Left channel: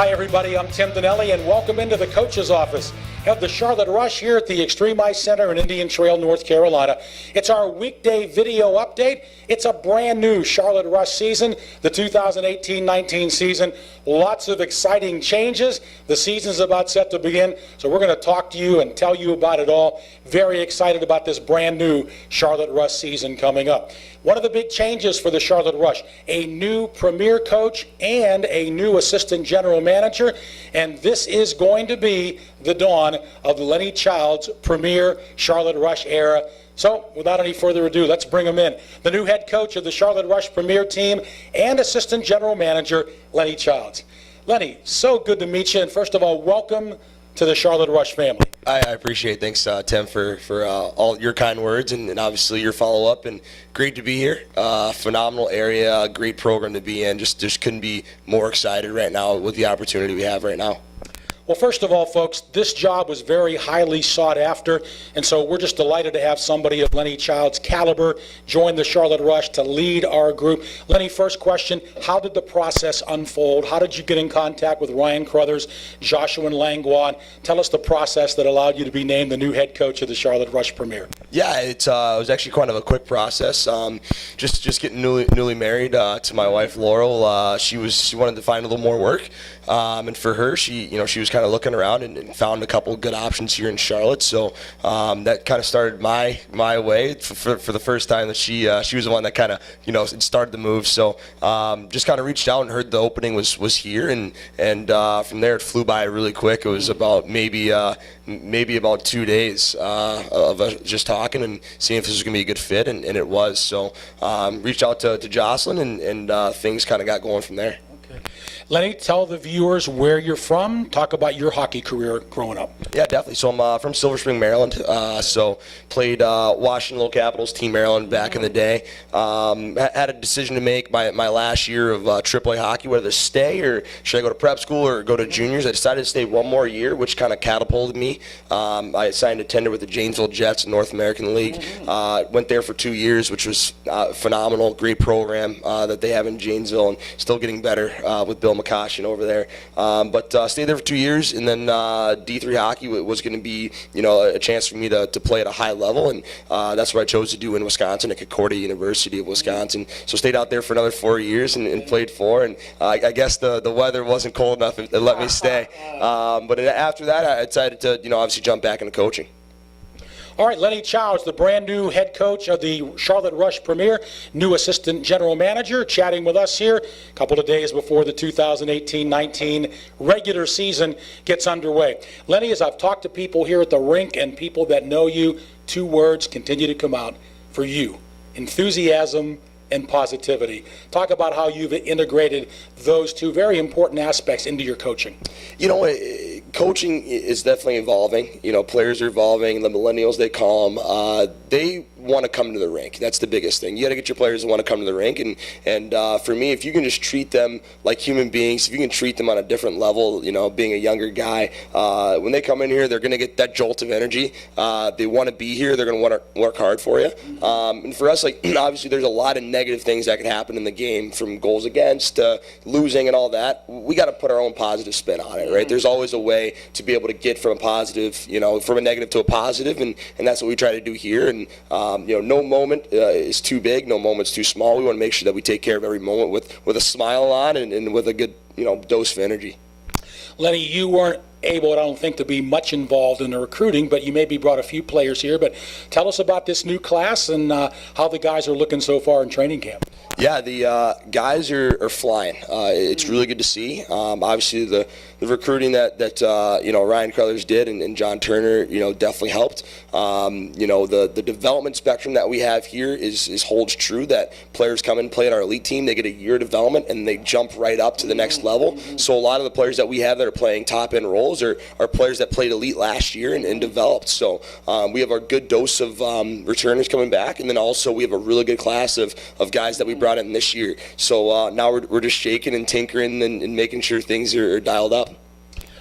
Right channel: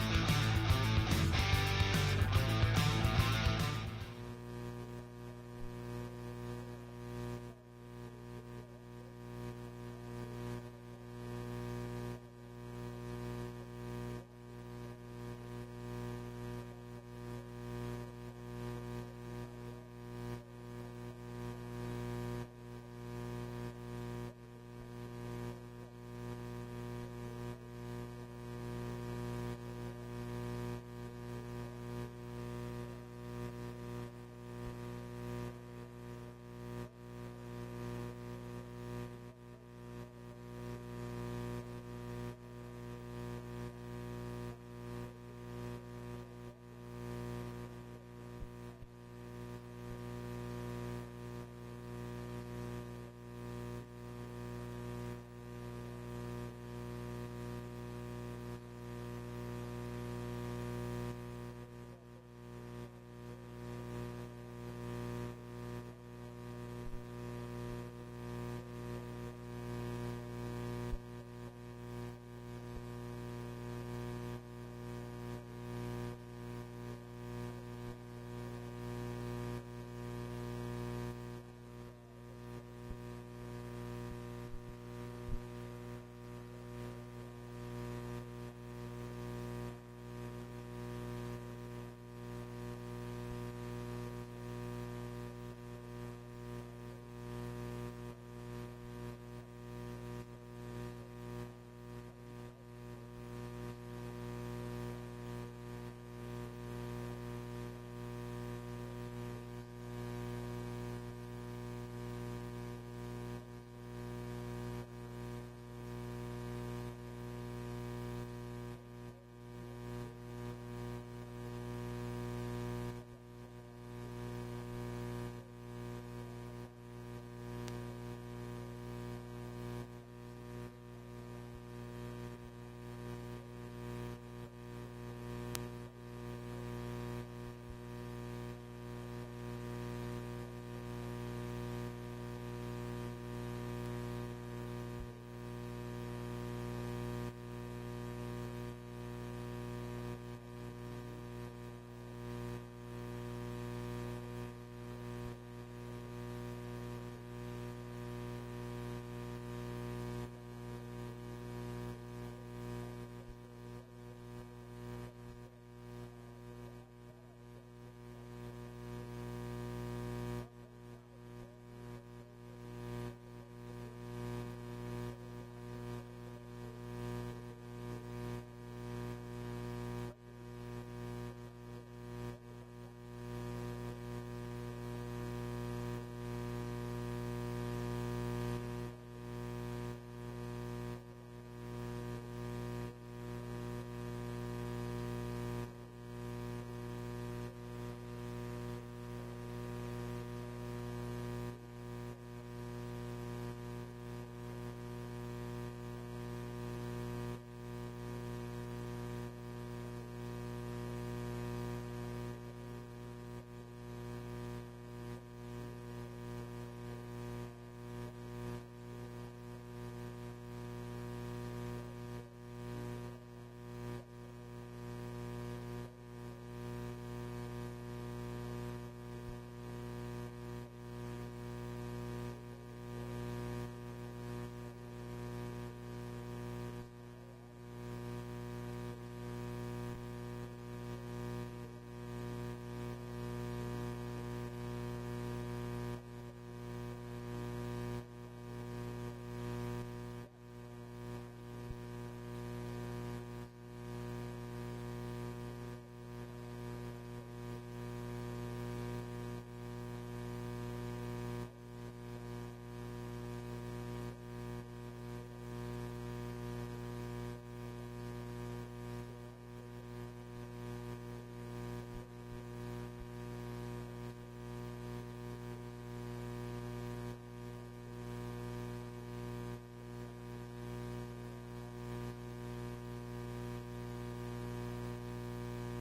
Hi, everybody. I'm Tim Dinelli, and welcome into the coach's office of the Charlotte Rush here at the Extreme Ice Center in Indian Trail, North Carolina. It's our weekday video update. It's a brand new Charlotte Rush season, the 2018-19 season. Lots of exciting changes. The season's about set to begin, so we're going to talk to you and tell you about it all. Very excited about this brand new Charlotte Rush season coming up. One of the big changes for the Charlotte Rush, a new premier coach and a new assistant general manager, and this is going to be the dawn of Lennie Child's premier Charlotte Rush era. So, without any further ado, let's bring him in. The new head coach of the Charlotte Rush premier team and assistant general manager, Lennie Childs. Lennie, so good to meet you, and first of all, welcome to the Charlotte Rush family. I appreciate it. Thanks, Tim, for all your kind words and obviously your follow-up. And great to be here. Phenomenal area, great program to be in. Just couldn't be more excited right now with the opportunity we have right now. Well, first of all, folks, this job was very highly sought after, and so we're just delighted to have somebody of Lennie Child's caliber join the Charlotte Rush to lead our group. Lennie, first question, how did the process unfold? How did you get in contact with Ryan Crothers, Joshua and Langlois? Tell us the process that allowed you to be named the new head coach of the Charlotte Rush Premier. Yeah, it was actually kind of a quick process. Just getting newly married to my wife Laurel. She wanted to find a little more work, and for her, she was kind of looking around and found a couple good options here in Charlotte. So that kind of started my way for the first time that she was the one that kind of started the move. So just kind of reached out and heard the opening was here, and from there it flew by really quick. It was about maybe about 2 days of us just talking and seeing if this was going to be a good fit, and it was. So reached out to Jocelyn, and things kind of got going from there. Lennie, tell the viewers where you're from. Talk about your hockey career growing up. Yeah, definitely. So I'm from Silver Spring, Maryland. So played Washington Little Capitals, Team Maryland back in the day. Had a decision to make my last year of AAA hockey, whether to stay or should I go to prep school or go to juniors. I decided to stay one more year, which kind of catapulted me. I signed a tender with the Janesville Jets in North American League. Went there for 2 years, which was phenomenal. Great program that they have in Janesville, and still getting better with Bill McCoshin over there, but stayed there for 2 years, and then D3 hockey was going to be, a chance for me to play at a high level, and that's what I chose to do in Wisconsin at Concordia University of Wisconsin. So stayed out there for another 4 years and played 4, and I guess the weather wasn't cold enough to let me stay. But after that, I decided to, obviously jump back into coaching. All right, Lennie Childs, the brand new head coach of the Charlotte Rush Premier, new assistant general manager, chatting with us here a couple of days before the 2018-19 regular season gets underway. Lennie, as I've talked to people here at the rink and people that know you, 2 words continue to come out for you: enthusiasm and positivity. Talk about how you've integrated those 2 very important aspects into your coaching. Coaching is definitely evolving. Players are evolving. The millennials, they call them. They want to come to the rink. That's the biggest thing. You got to get your players to want to come to the rink. And for me, if you can just treat them like human beings, if you can treat them on a different level, being a younger guy, when they come in here, they're going to get that jolt of energy. They want to be here. They're going to want to work hard for you. And for us, obviously, there's a lot of negative things that can happen in the game, from goals against to losing and all that. We got to put our own positive spin on it, right? There's always a way to be able to get from a positive, from a negative to a positive, and that's what we try to do here. And no moment is too big, no moment's too small. We want to make sure that we take care of every moment with a smile on and with a good dose of energy. Lennie, you weren't able, I don't think, to be much involved in the recruiting, but you maybe brought a few players here. But tell us about this new class and how the guys are looking so far in training camp. Yeah, the guys are flying. It's really good to see. Obviously, the recruiting that Ryan Crothers did and John Turner, definitely helped. The development spectrum that we have here holds true. That players come and play at our elite team, they get a year of development and they jump right up to the next level. So a lot of the players that we have that are playing top end roles are players that played elite last year and developed. So we have our good dose of returners coming back, and then also we have a really good class of guys that we brought in this year. So now we're just shaking and tinkering and making sure things are dialed up.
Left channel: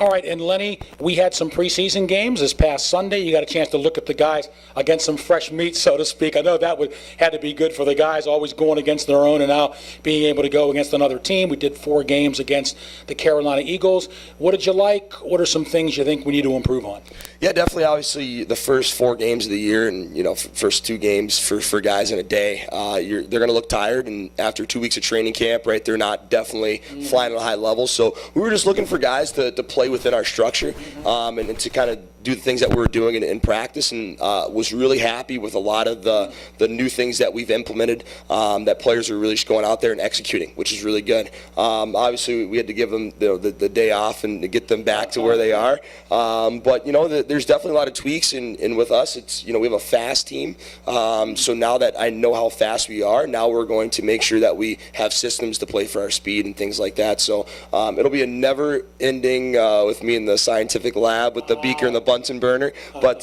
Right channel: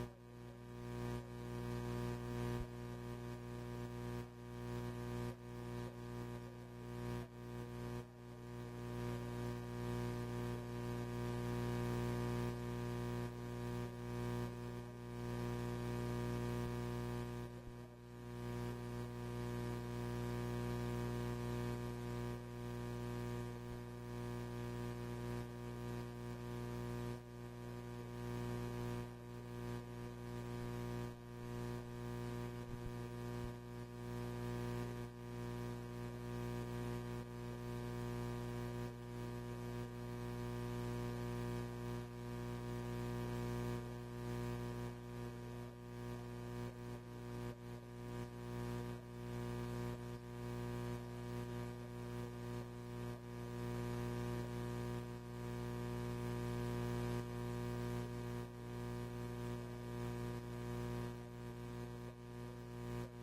All right, and Lennie, we had some preseason games this past Sunday. You got a chance to look at the guys against some fresh meat, so to speak. I know that had to be good for the guys, always going against their own and now being able to go against another team. We did 4 games against the Carolina Eagles. What did you like? What are some things you think we need to improve on? Yeah, definitely. Obviously, the first 4 games of the year, and first 2 games for guys in a day, they're going to look tired. And after 2 weeks of training camp, right, they're not definitely flying at a high level. So we were just looking for guys to play within our structure, and to kind of do the things that we're doing in practice, and was really happy with a lot of the new things that we've implemented, that players are really just going out there and executing, which is really good. Obviously, we had to give them the day off and to get them back to where they are. But there's definitely a lot of tweaks, and with us, it's we have a fast team. So now that I know how fast we are, now we're going to make sure that we have systems to play for our speed and things like that. So it'll be a never-ending with me in the scientific lab with the beaker and the Bunsen burner, but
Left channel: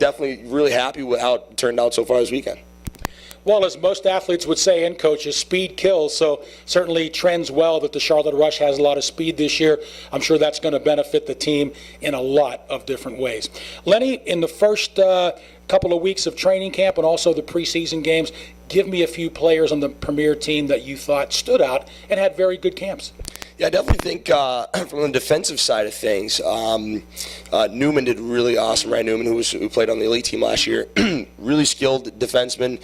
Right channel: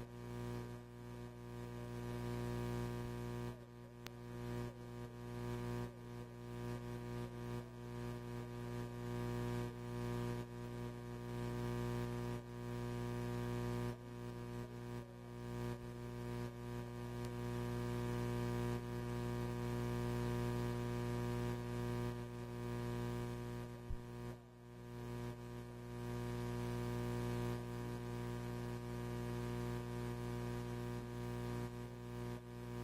definitely really happy with how it turned out so far this weekend. Well, as most athletes would say, and coaches, speed kills, so certainly trends well that the Charlotte Rush has a lot of speed this year. I'm sure that's going to benefit the team in a lot of different ways. Lennie, in the first couple of weeks of training camp and also the preseason games, give me a few players on the Premier team that you thought stood out and had very good camps. Yeah, I definitely think from the defensive side of things, Newman did really awesome. Ryan Newman, who played on the elite team last year, really skilled defenseman,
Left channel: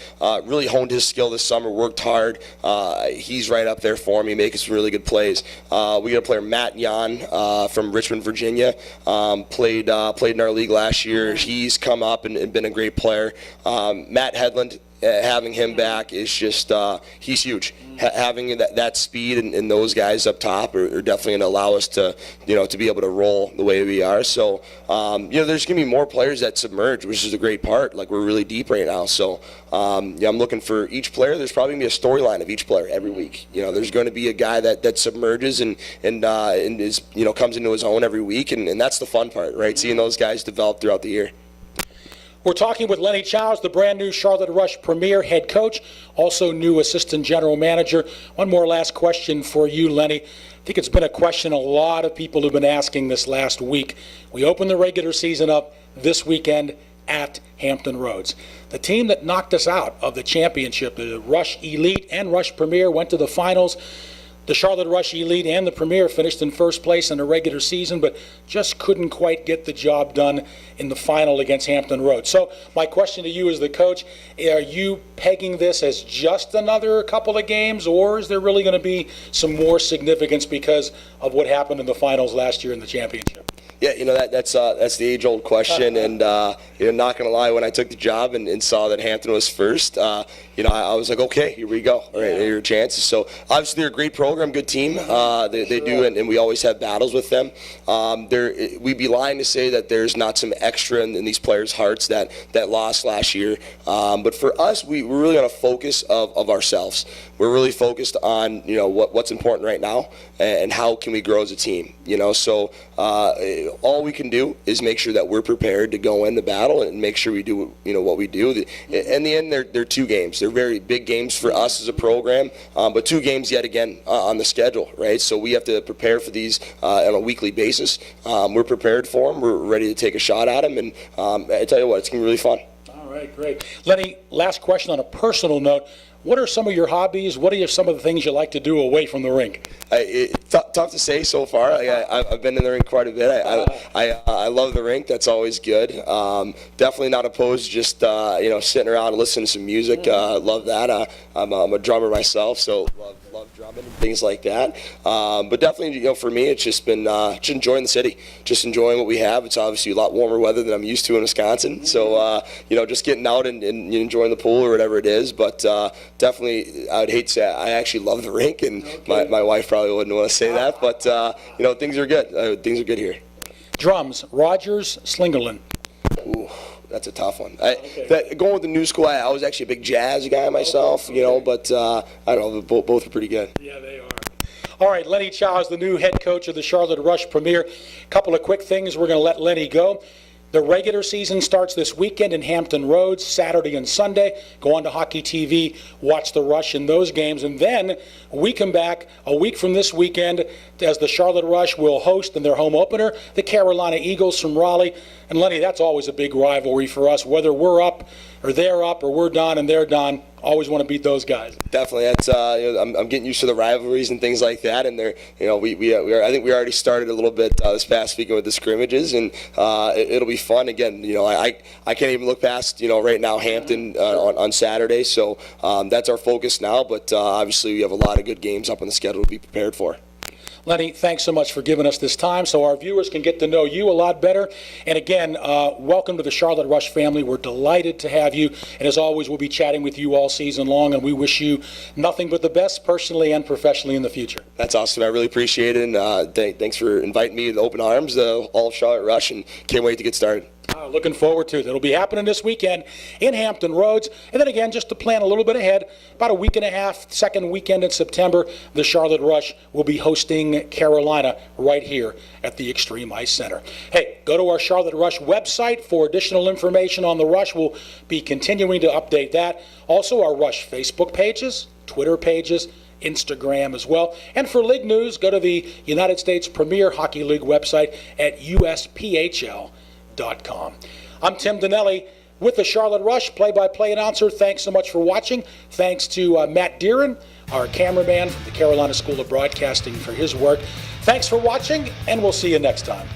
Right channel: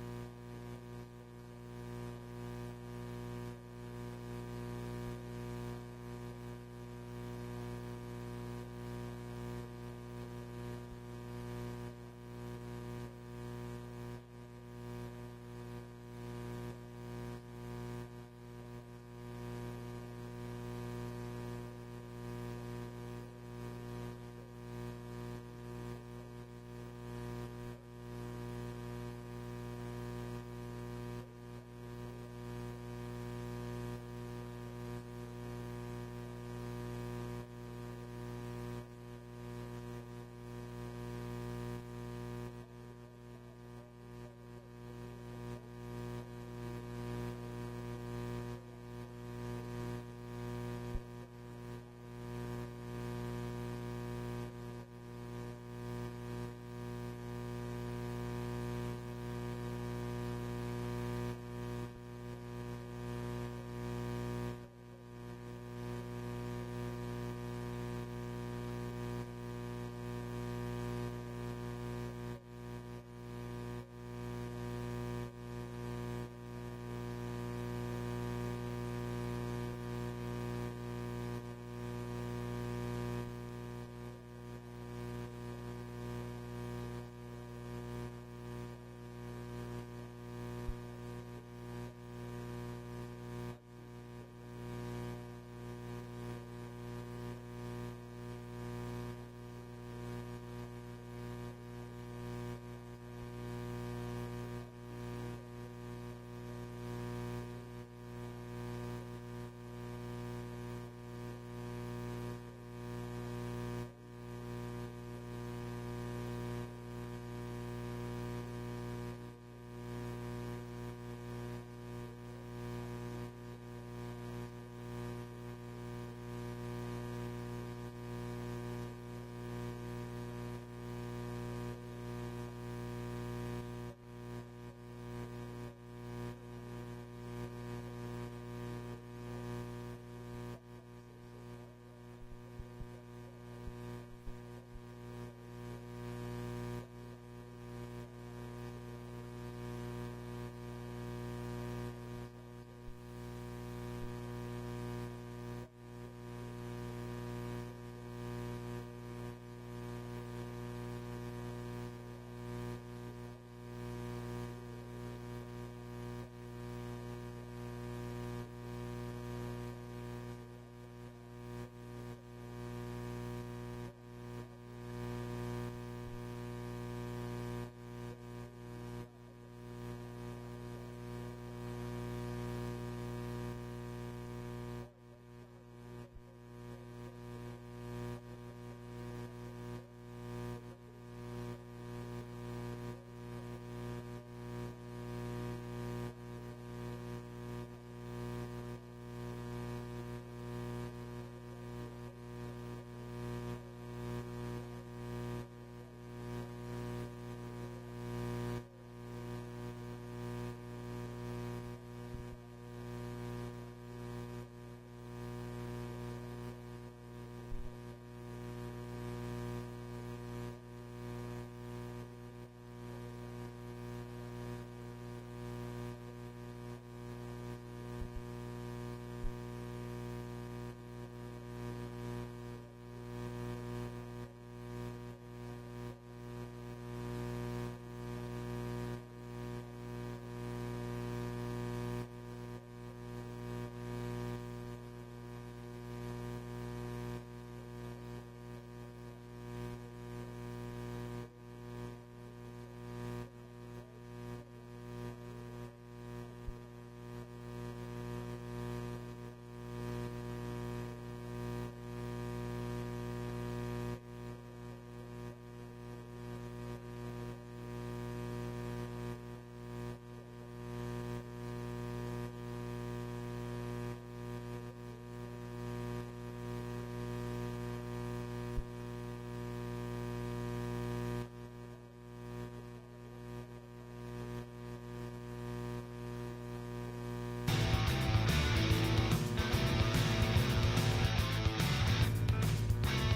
really honed his skill this summer, worked hard. He's right up there for me, making some really good plays. We got a player, Matt Yan, from Richmond, Virginia, played in our league last year. He's come up and been a great player. Matt Hedlund, having him back is just, he's huge. Having that speed and those guys up top are definitely going to allow us to, to be able to roll the way we are. So, there's going to be more players that submerge, which is a great part. Like, we're really deep right now. So, I'm looking for each player. There's probably going to be a storyline of each player every week. There's going to be a guy that submerges and is, comes into his own every week. And that's the fun part, right? Seeing those guys develop throughout the year. We're talking with Lennie Childs, the brand new Charlotte Rush Premier head coach, also new assistant general manager. One more last question for you, Lennie. I think it's been a question a lot of people have been asking this last week. We opened the regular season up this weekend at Hampton Roads. The team that knocked us out of the championship, the Rush Elite and Rush Premier, went to the finals. The Charlotte Rush Elite and the Premier finished in first place in the regular season, but just couldn't quite get the job done in the final against Hampton Roads. So my question to you as the coach, are you pegging this as just another couple of games, or is there really going to be some more significance because of what happened in the finals last year in the championship? Yeah, that's the age-old question, and not gonna lie, when I took the job and saw that Hampton was first, I was like, okay, here we go. All right, here are your chances. So obviously they're a great program, good team. They do, and we always have battles with them. We'd be lying to say that there's not some extra in these players' hearts that lost last year. But for us, we're really on a focus of ourselves. We're really focused on what's important right now and how can we grow as a team. So all we can do is make sure that we're prepared to go in the battle and make sure we do what we do. In the end, they're 2 games. They're very big games for us as a program, but 2 games yet again on the schedule, right? So we have to prepare for these on a weekly basis. We're prepared for them. We're ready to take a shot at them, and I tell you what, it's going to be really fun. All right, great. Lennie, last question on a personal note. What are some of your hobbies? What are some of the things you like to do away from the rink? Tough to say so far. I've been in the rink quite a bit. I love the rink. That's always good. Definitely not opposed to just sitting around and listening to some music. Love that. I'm a drummer myself, so love drumming and things like that. But definitely, for me, it's just been just enjoying the city, just enjoying what we have. It's obviously a lot warmer weather than I'm used to in Wisconsin. So just getting out and enjoying the pool or whatever it is. But definitely, I would hate to say I actually love the rink, and my wife probably wouldn't want to say that. But things are good. Things are good here. Drums, Rogers, Slingerland. Ooh. That's a tough one. Going with the new school, I was actually a big jazz guy myself, but I don't know, both are pretty good. Yeah, they are. All right, Lennie Childs, the new head coach of the Charlotte Rush Premier. A couple of quick things. We're going to let Lennie go. The regular season starts this weekend in Hampton Roads, Saturday and Sunday. Go on to Hockey TV, watch the Rush in those games, and then we come back a week from this weekend as the Charlotte Rush will host in their home opener the Carolina Eagles from Raleigh. And Lennie, that's always a big rivalry for us, whether we're up or they're up or we're done and they're done. Always want to beat those guys. Definitely, that's I'm getting used to the rivalries and things like that, and they're I think we already started a little bit this past weekend with the scrimmages, and it'll be fun again. I can't even look past right now Hampton on Saturday, so that's our focus now. But obviously we have a lot of good games up on the schedule to be prepared for. Lennie, thanks so much for giving us this time so our viewers can get to know you a lot better. And again, welcome to the Charlotte Rush family. We're delighted to have you. And as always, we'll be chatting with you all season long, and we wish you nothing but the best personally and professionally in the future. That's awesome. I really appreciate it, and thanks for inviting me with open arms, all of Charlotte Rush, and can't wait to get started. Looking forward to it. It'll be happening this weekend in Hampton Roads. And then again, just to plan a little bit ahead, about a week and a half, second weekend in September, the Charlotte Rush will be hosting Carolina right here at the Extreme Ice Center. Hey, go to our Charlotte Rush website for additional information on the Rush. We'll be continuing to update that. Also, our Rush Facebook pages, Twitter pages, Instagram as well. And for league news, go to the United States Premier Hockey League website at USPHL.com. I'm Tim Donnelly with the Charlotte Rush, play-by-play announcer. Thanks so much for watching. Thanks to Matt Deeren, our cameraman, the Carolina School of Broadcasting, for his work. Thanks for watching, and we'll see you next time.